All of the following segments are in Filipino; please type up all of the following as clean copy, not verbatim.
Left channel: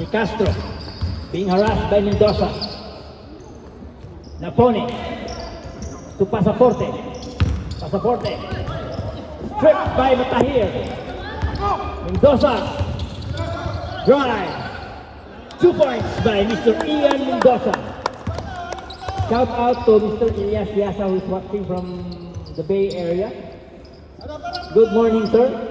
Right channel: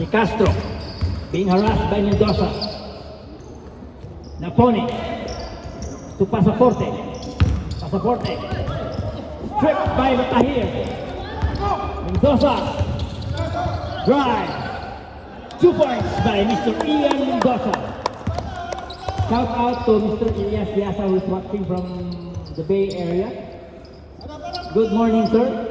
De Castro being harassed by Mendoza. Napone to Pasaporte. Pasaporte stripped by Matahir. Mendoza drive. 2 points by Mr. Ian Mendoza. Shout out to Mr. Elias Biasa who is watching from the Bay Area. Good morning, sir.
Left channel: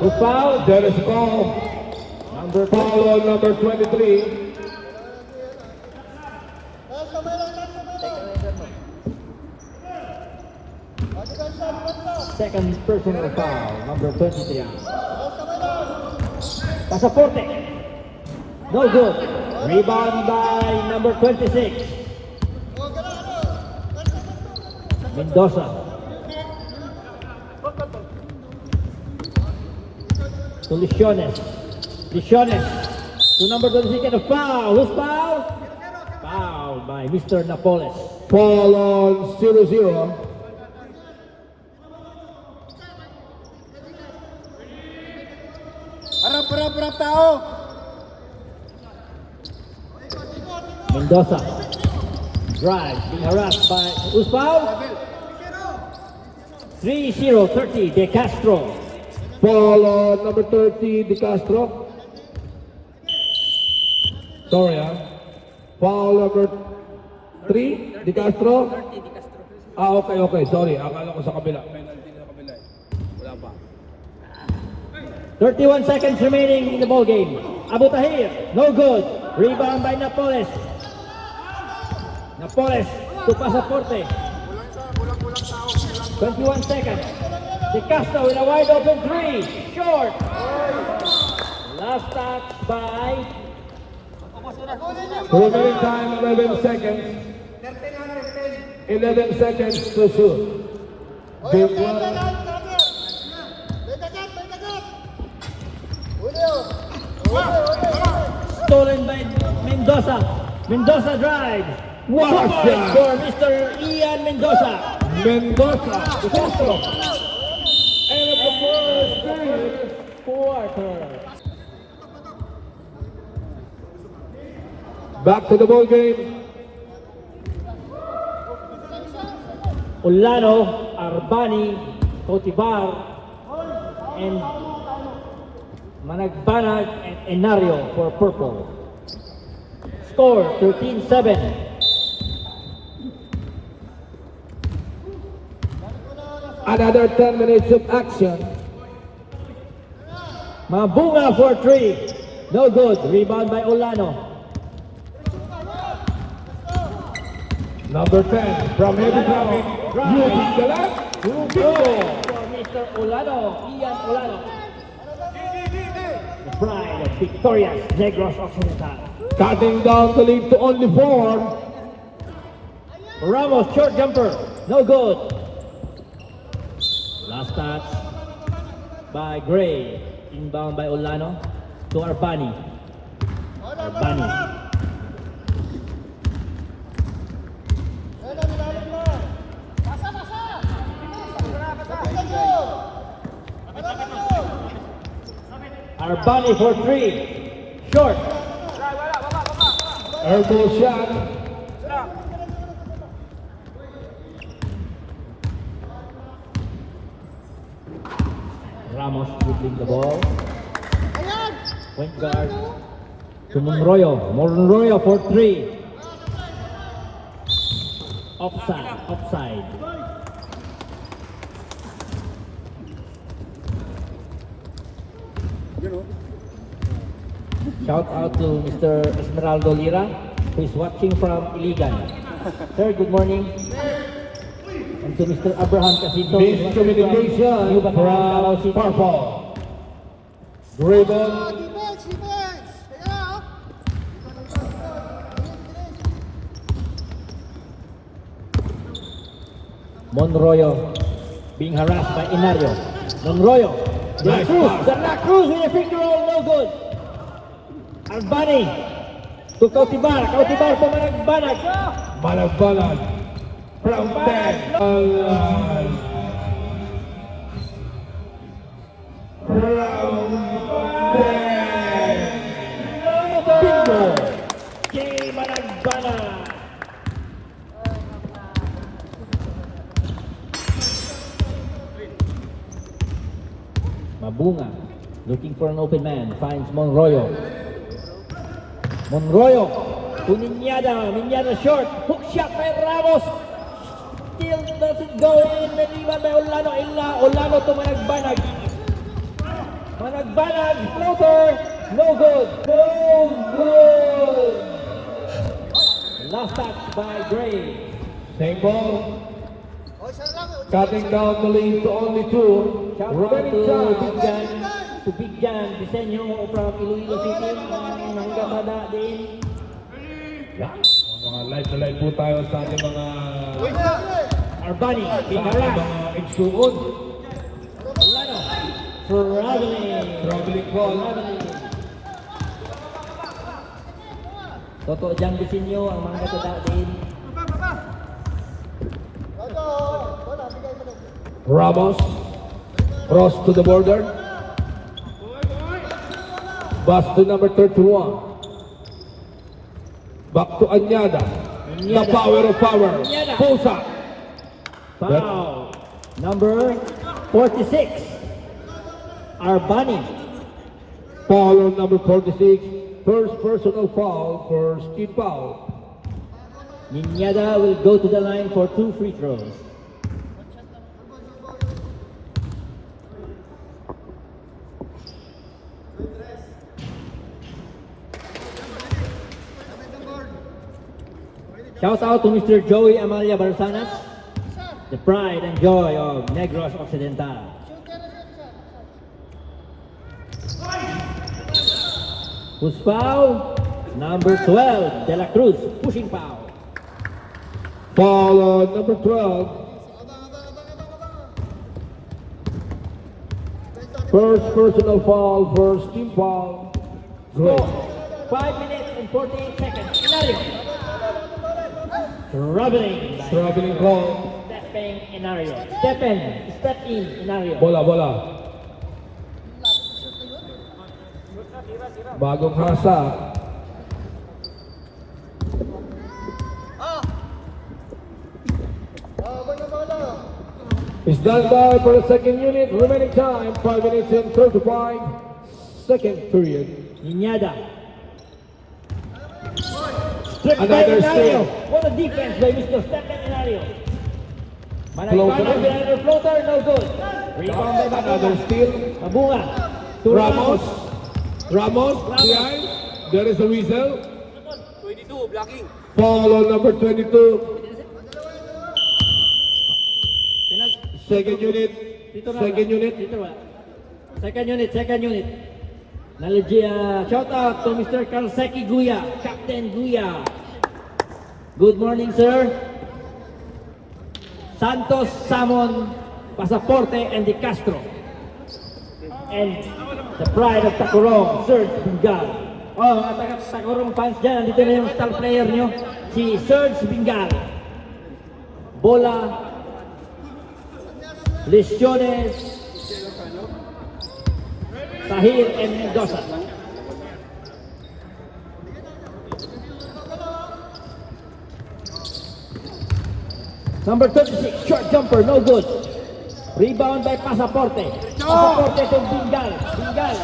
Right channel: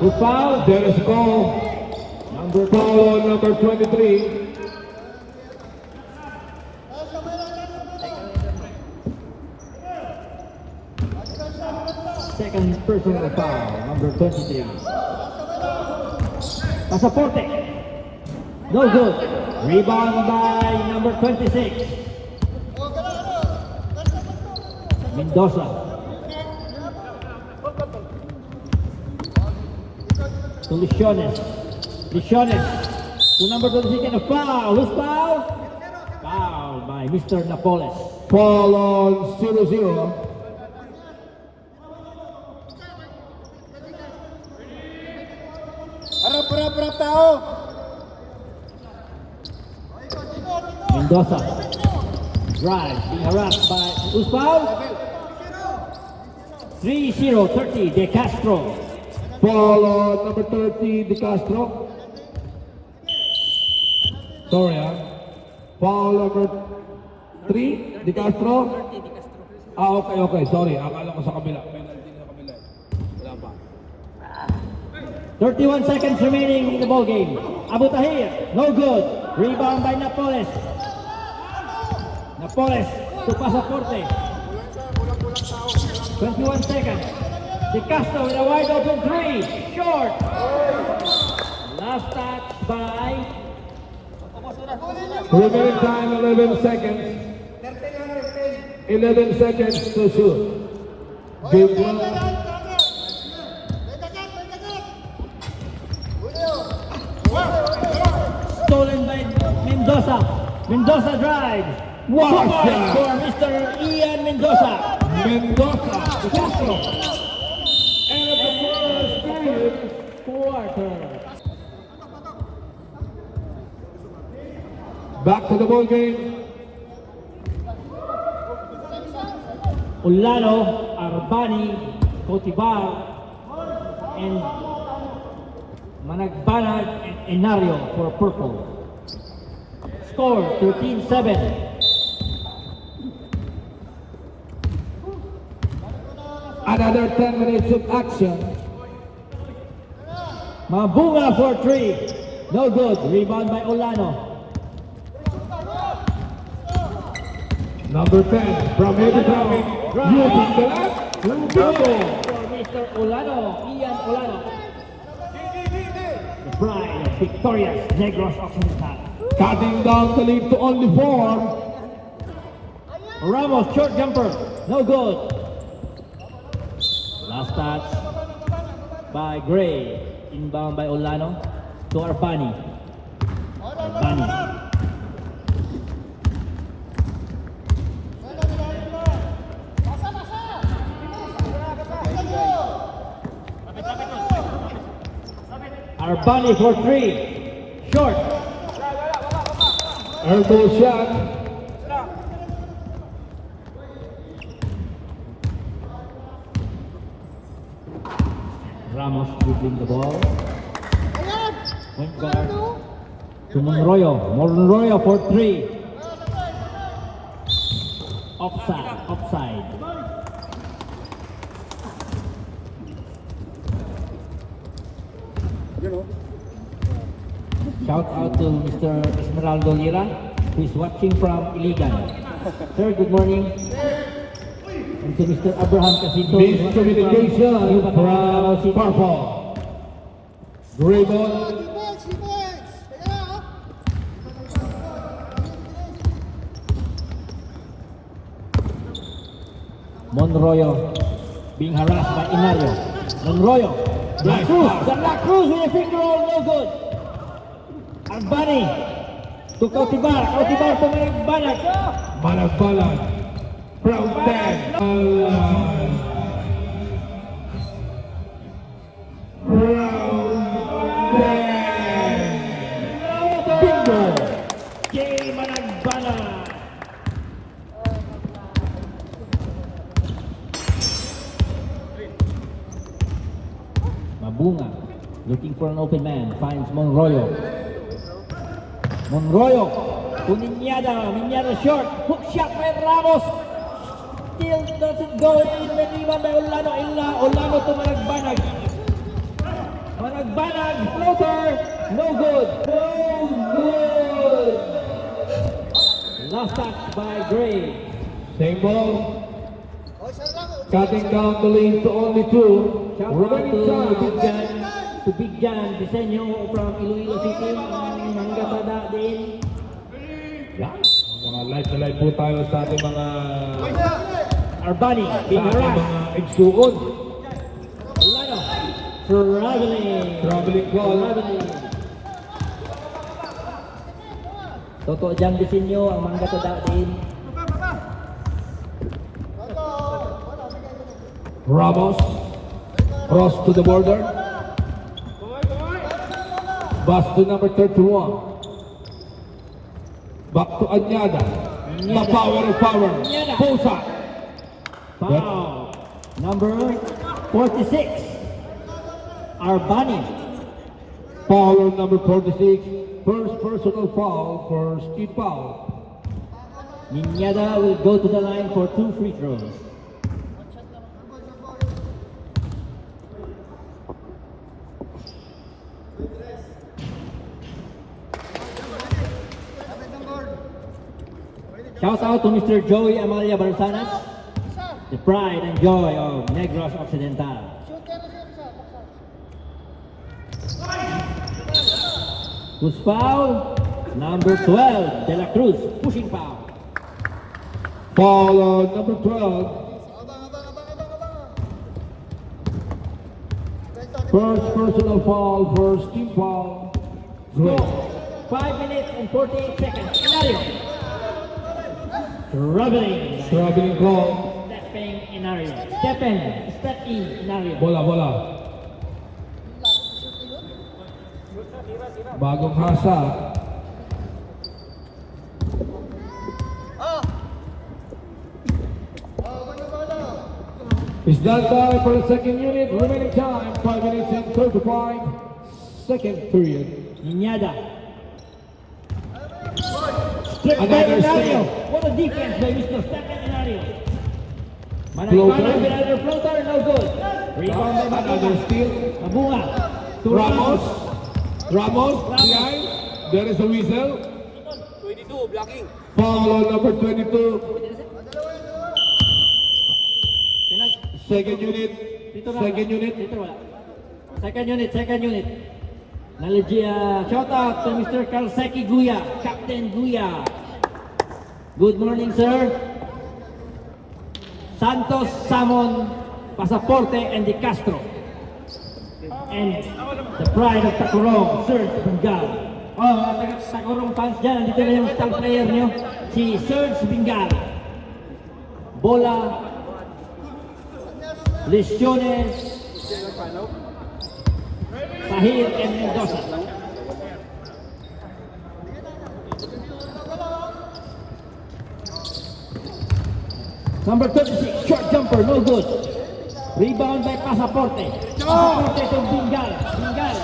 Who foul? There is goal. Foul number 23. Second personal foul, number 23. Pasaporte. No good. Rebound by number 26. Mendoza. To Liciones. Liciones. To number 26 and a foul. Who's foul? Foul by Mr. Napoles. Foul on 0-0. Harap tao. Mendoza. Drive. Being harassed by who's foul? 3-0, 30. De Castro. Foul on number 30, De Castro. Sorry, foul number 3, De Castro. Okay. Sorry. Akala ko sa kabila. 31 seconds remaining in the ball game. Abu Tahir, no good. Rebound by Napoles. Napoles to Pasaporte. 21 seconds. De Castro with a wide open three. Short. Last touch by Remaining time 11 seconds. 11 seconds to shoot. Game 1. stolen by Mendoza. Mendoza drives. What a shot. For Mr. Ian Mendoza. Mendoza. De Castro. And the first quarter. Back to the ball game. Ulano, Arbani, Cotibar, and Managbanag and Enario for purple. Score 13-7. Another 10 minutes of action. Mabunga for three. No good. Rebound by Ulano. Number 10 from Edinburgh. Using the left. Good for Mr. Ulano, Ian Ulano. The pride of victorious Negros Occidental. Cutting down the lead to only 4. Ramos, short jumper. No good. Last touch by Gray. Inbound by Ulano to Arbani. Arbani. Arbani for three. Short. Elbow shot. Ramos dribbling the ball. Point guard to Monroyo. Monroyo for three. Offside. Shout out to Mr. Esmeraldo Lira, who is watching from Iligan. Sir, good morning. And to Mr. Abraham Casinto. Miscommunication from Purple. Dribble. Monroyo being harassed by Inario. Monroyo. De La Cruz with a finger roll, no good. Arbani to Cotibar. Cotibar to Managbanag. Managbanag. From 10. Mabunga, looking for an open man, finds Monroyo. Monroyo, to Minyada short, hook shot by Ramos. Still doesn't go in, naniwan by Olano, Olano to Managbanag. Managbanag, floater, no good. Last touch by Gray. Same ball. Cutting down the lead to only 2. Shout out Remaining time. to Big Jan Disenyo from Iloilo City. Mangganda din. Mga live na live po tayo sa ating mga Arbani, sa being ating harassed. mga igsuon. Olano, traveling. Traveling ball. Toto Jan Disenyo ang mangganda din. Ramos. Cross to the border. Pass to number 31. Back to Anyada. The power of power. Pusa. Foul. Number 46. Arbani. Foul on number 46. First personal foul for Steve Powell. Minyada will go to the line for 2 free throws. Shout out to Mr. Joey Amalia Barsanas, the pride and joy of Negros Occidental. Who's foul? Number 12, De La Cruz, pushing foul. Foul on number 12. First personal foul for Steve Powell. Great. 5 minutes and 48 seconds. Inario. Traveling Goal. Stepping Inario. Step in Inario. Bola. Bagong hasa. Is that time for the second unit? Remaining time, 5 minutes and 35 second period. Ninyada. Another steal. What a defense by Mr. Stephen Inario. Floater. Managbanag with another floater, no good. Rebound by Another Mabunga. steal. Mabunga. To Ramos behind. There is a whistle. 22, blocking. Foul on number 22. Second unit. Second unit. Shout out to Mr. Kalseki Guya, Captain Guya. Good morning, sir. Santos, Samon, Pasaporte, and De Castro. And the pride of Tacorong, Serge Bingal. Oh, Tacorong fans dyan, nandito na yung star player nyo, si Serge Bingal. Bola, Lesiones, Sahir, and Mendoza. Number 36, short jumper, no good. Rebound by Pasaporte. Pasaporte to Bingal. Bingal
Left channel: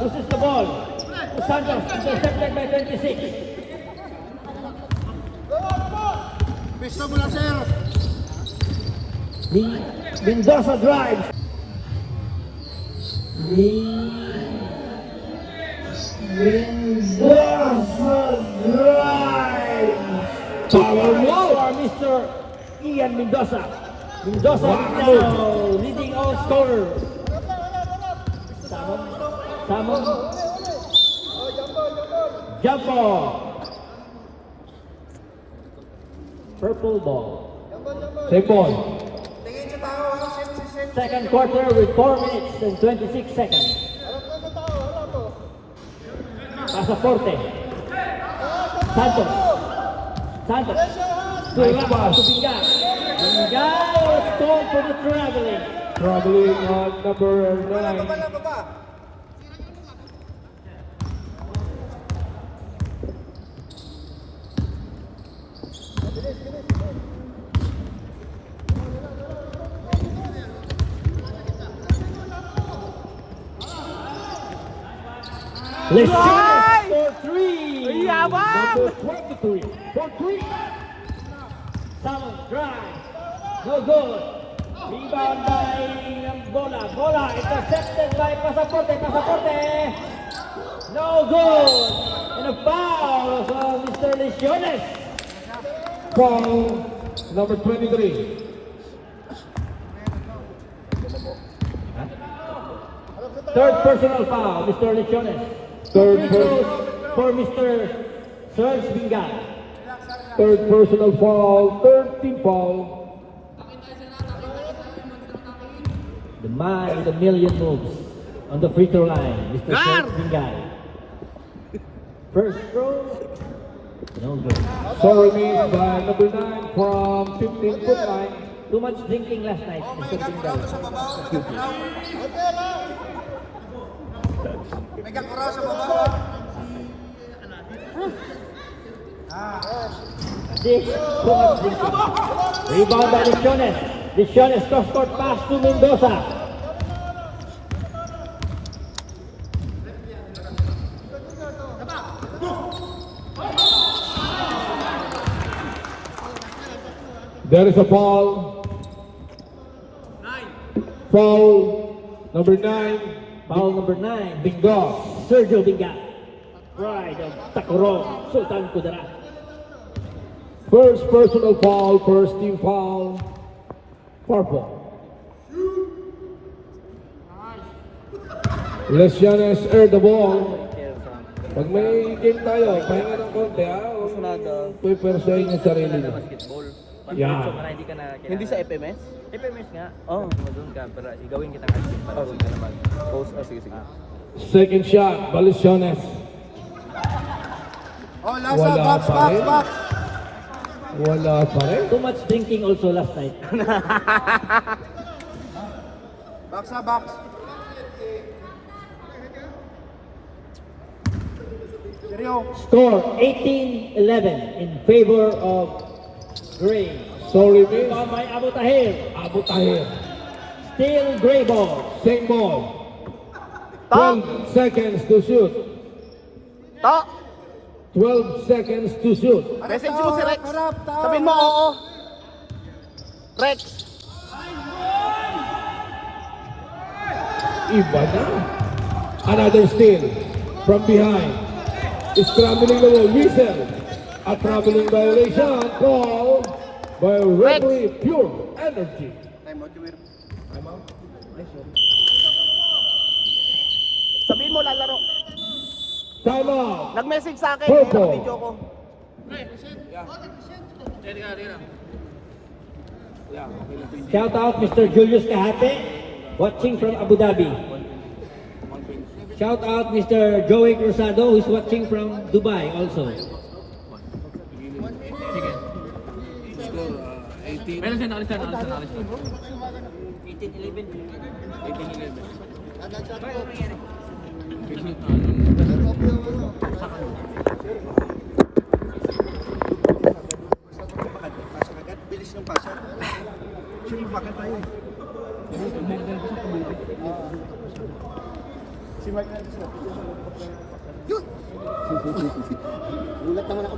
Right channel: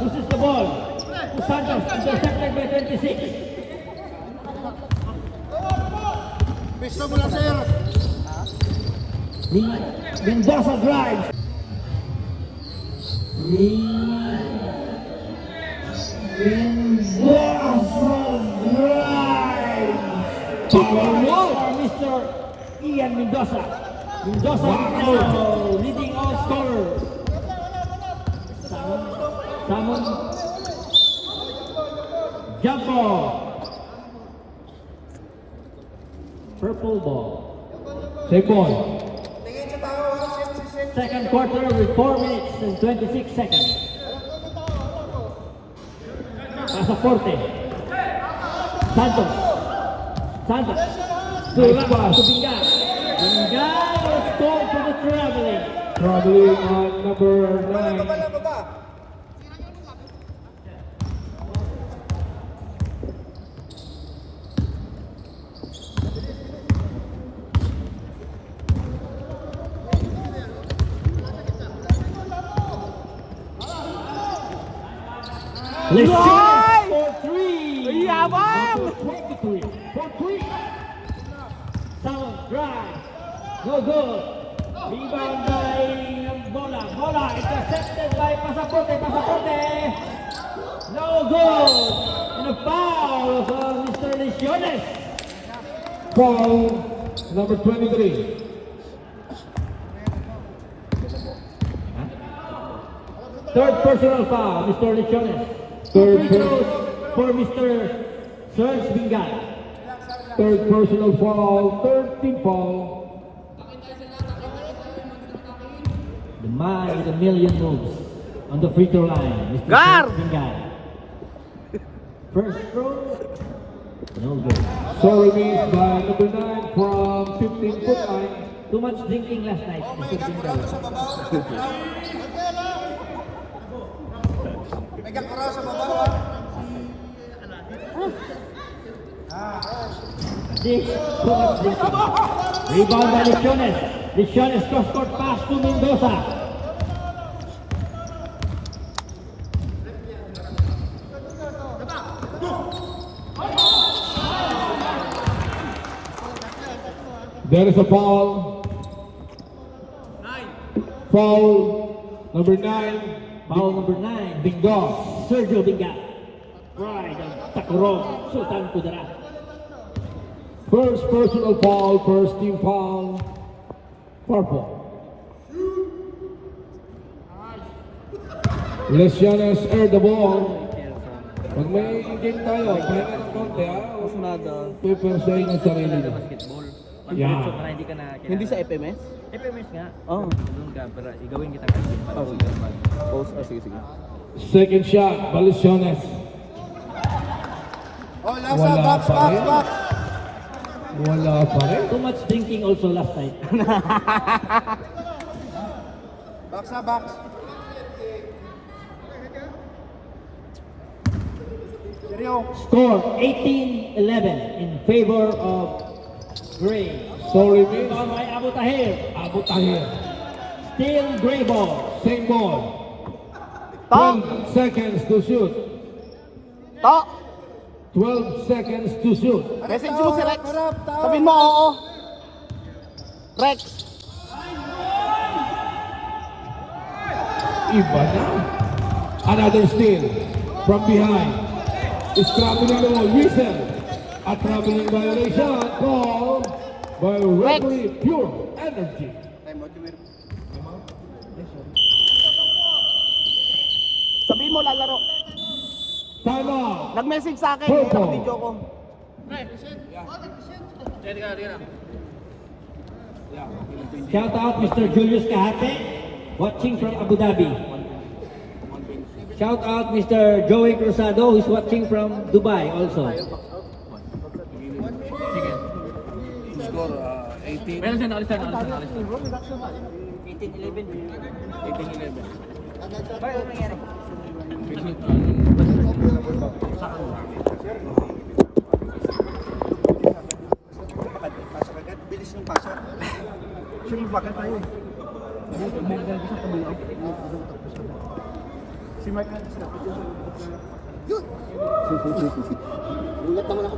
pushes the ball. Santos intercepted by 26. Pisto mo lang, sir. Mendoza drives. Power move for Mr. Ian Mendoza. Mendoza now leading all scorers. Samon. Jump ball. Purple ball. Take ball. Tingin sa tao, Second quarter with 4 minutes and 26 seconds. Pasaporte. Santos. To Ramos. To Bingal. Bingal was called for the traveling. Traveling on number 9. baba. Lesiones for three. Yaman! Number 23. For 3. Sound drive. No good. Rebound by Bola. Bola intercepted by Pasaporte. No good. And a foul for Mr. Lesiones. Foul number 23. Third personal foul, Mr. Lesiones. Third Free throws for Mr. Serge Bingal. Third personal foul. Third team foul. The man with a million moves on the free throw line, Mr. Gar! Serge Bingal. First throw, no good. Sorry missed by number 9 from 15-foot line. Too much drinking last night, Oh, Mr. may Bingal. gaguraw sa babaw. May gaguraw sa babaw, ha? This, too much drinking. Rebound by Lesiones. Lesiones cross-court pass to Mendoza. There is a foul. 9. Foul number 9. Foul number 9, Bingo. Sergio Bingal. Right, and Takurong, Sultan Kudara. First personal foul, first team foul. Purple. Lesiones air the ball. Pag may game tayo, pahinga ng konti ha. Pipersahin yung sarili niya. Basketball. Yeah. Para hindi ka na... Hindi sa FMS? FMS nga. Oo. Doon ka, para igawin kita. Sige. Second shot, Lesiones. Oh, Lasa, box. Wala pa rin. Too much drinking also last night. Box. Seryo. Score 18-11 in favor of Gray. Sorry miss. Rebound by Abu Tahir. Abu Tahir. Still Gray ball. Same ball. 12 seconds to shoot. 12 seconds to shoot. Message mo si Rex. Sabihin mo oo. Rex. Iba na. Another steal from behind. Scrambling the wall. Whistle. A traveling violation. Call by referee Pure Energy. Time out, Jumir. Sabihin mo lalaro. Time out. Nag-message sa akin. Purple. Video ko. Shout out Mr. Julius Kahate, watching from Abu Dhabi. Shout out Mr. Joey Cruzado, who's watching from Dubai also. Meron siya, nakalis na. 18-11. Pasok agad. Bilis ng pasok. Sure, bakit tayo eh. Si Mike. Yun! Gulat naman ako.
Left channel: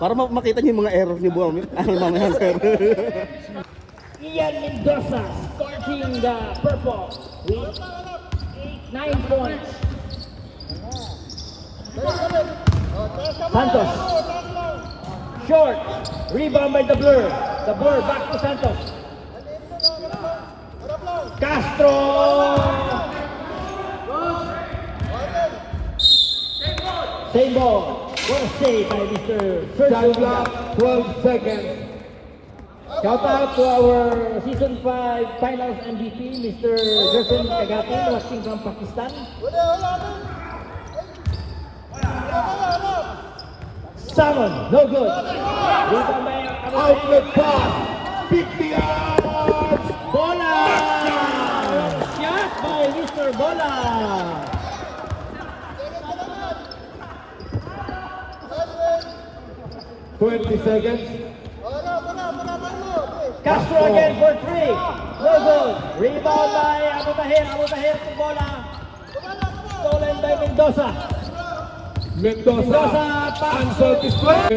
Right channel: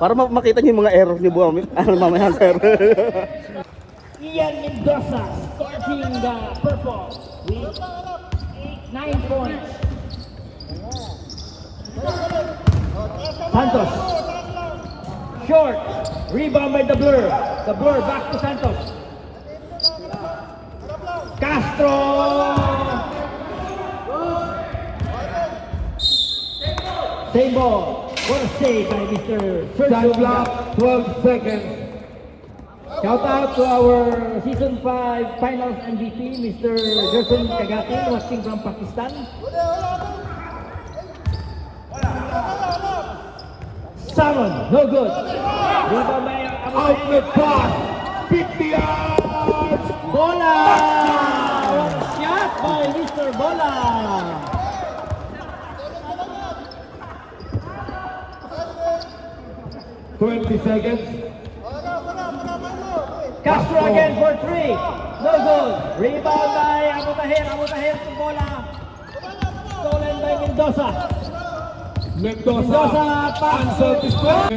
Para makita niyo yung mga error ni Buami. Ano mamaya sir. Ian Mendoza starting the purple with 9 points. Santos. Short. Rebound by the Blur. The Blur back to Santos. Castro. Same ball. One save by Mr. Time Sergio. clock. 12 seconds. Shout out to our Season 5 Finals MVP, Mr. Gerson Kagati, watching from Pakistan. Salmon, no good. Outlet pass. 50 yards. Bola! Shot by Mr. Bola! Seconds. Castro again for 3. No good. Rebound by Abu Tahir. Bola. Mendoza, unsatisfied.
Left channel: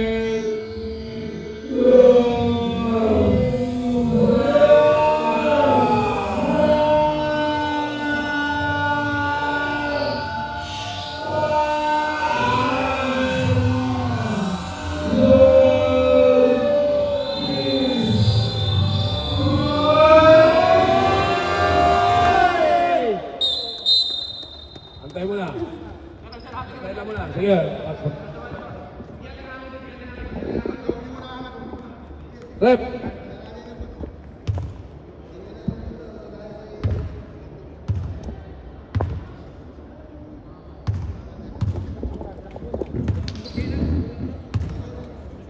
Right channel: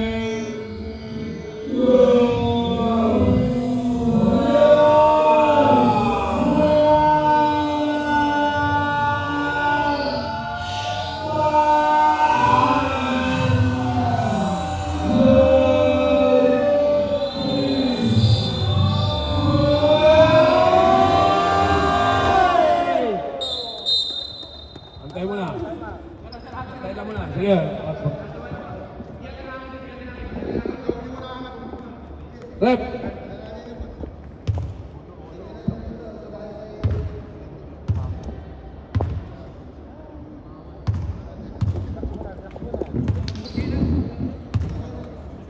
Antay mo na. Antay lang mo na. Sige. Rep.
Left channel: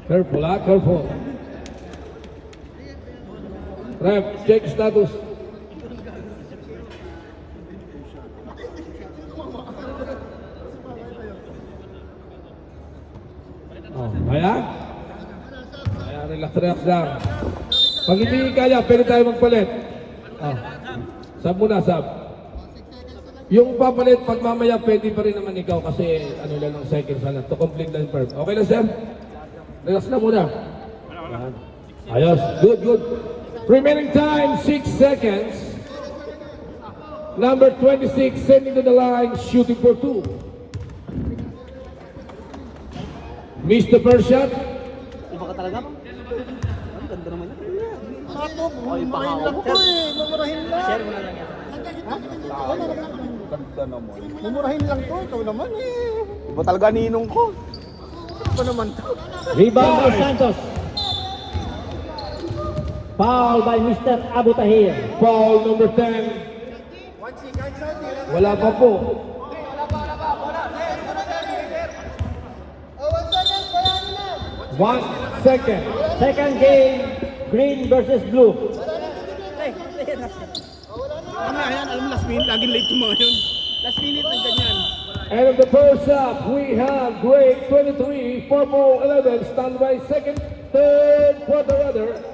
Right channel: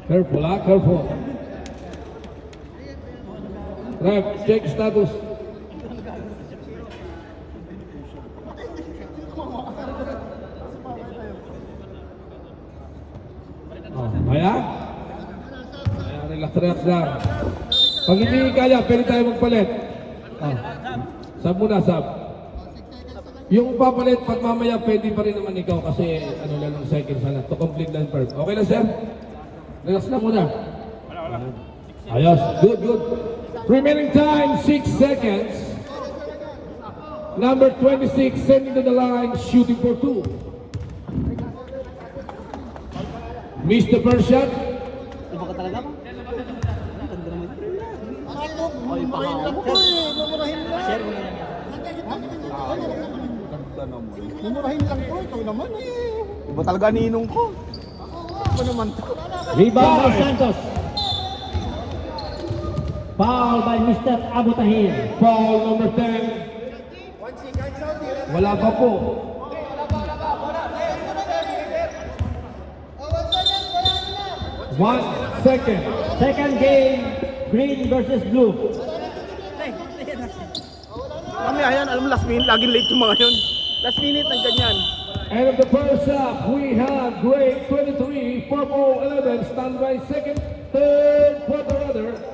Careful, careful. Rep, check status. Kaya? Relax lang. Pag hindi kaya, pwede tayo magpalit. Sab muna, sab. Yung papalit, pag mamaya, pwede pa rin naman ikaw kasi ano lang ng seconds lang to complete lang firm. Okay lang, sir? Relax lang muna. Ayos. Good, good. Remaining time, 6 seconds. Number 26, sending to the line, shooting for 2. Missed the first shot. Mumurahin lang ko. Ikaw naman eh. Iba talaga ninong ko. Ito naman to. Rebound by Santos. Foul by Mr. Abu Tahir. Foul number 10. Wala pa po. 1 second. Second game, green versus blue. Kami ayan, alam mo last minute, laging late yung mga yun. Last minute, nandyan yan. And of the first half, we have grade 23, purple 11, stand by second, third, quarter other.